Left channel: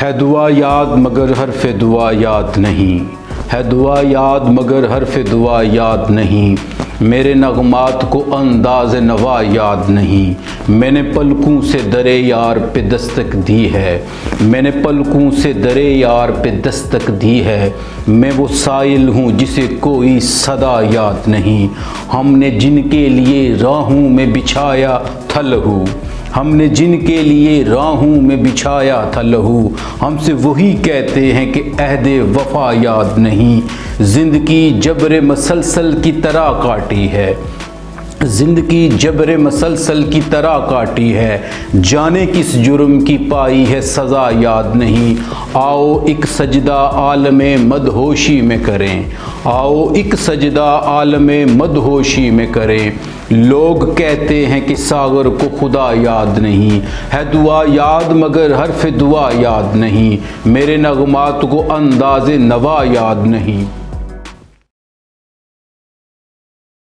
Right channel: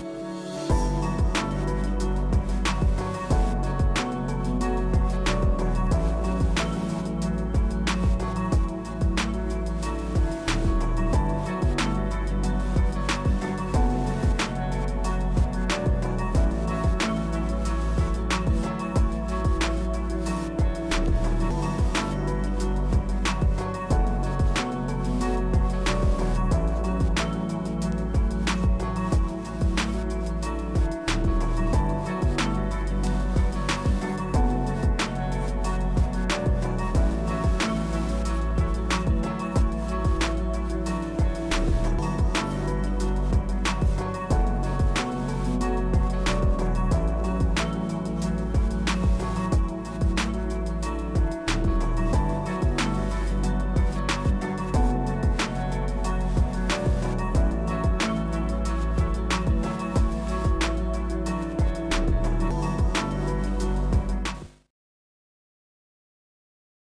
ہے دعا یاد مگر حرف دعا یاد نہیں، ہے دعا یاد مگر حرف دعا یاد نہیں، میرے نغمات کو انداز نوا یاد نہیں، میں نے پلکوں سے درے یار پہ دستک دی ہے، میں نے پلکوں سے درے یار پہ دستک دی ہے، میں وہ سائل ہوں جسے کوئی صدا یاد نہیں، ہم نے جن کے لیے راہوں میں بچھایا تھا لہو، ہم نے جن کے لیے راہوں میں بچھایا تھا لہو، ہم سے وہی کہتے ہیں کہ عہد وفا یاد نہیں، زندگی جبر مسلسل کی طرح کاٹی ہے، زندگی جبر مسلسل کی طرح کاٹی ہے، جانے کس جرم کی پائی ہے سزا یاد نہیں، آؤ ایک سجدہ عالم مدہوشی میں کریں، آؤ ایک سجدہ عالم مدہوشی میں کریں، لوگ کہتے ہیں کہ ساغر کو خدا یاد نہیں، ہے دعا یاد مگر حرف دعا یاد نہیں، میرے نغمات کو انداز نوا یاد نہیں۔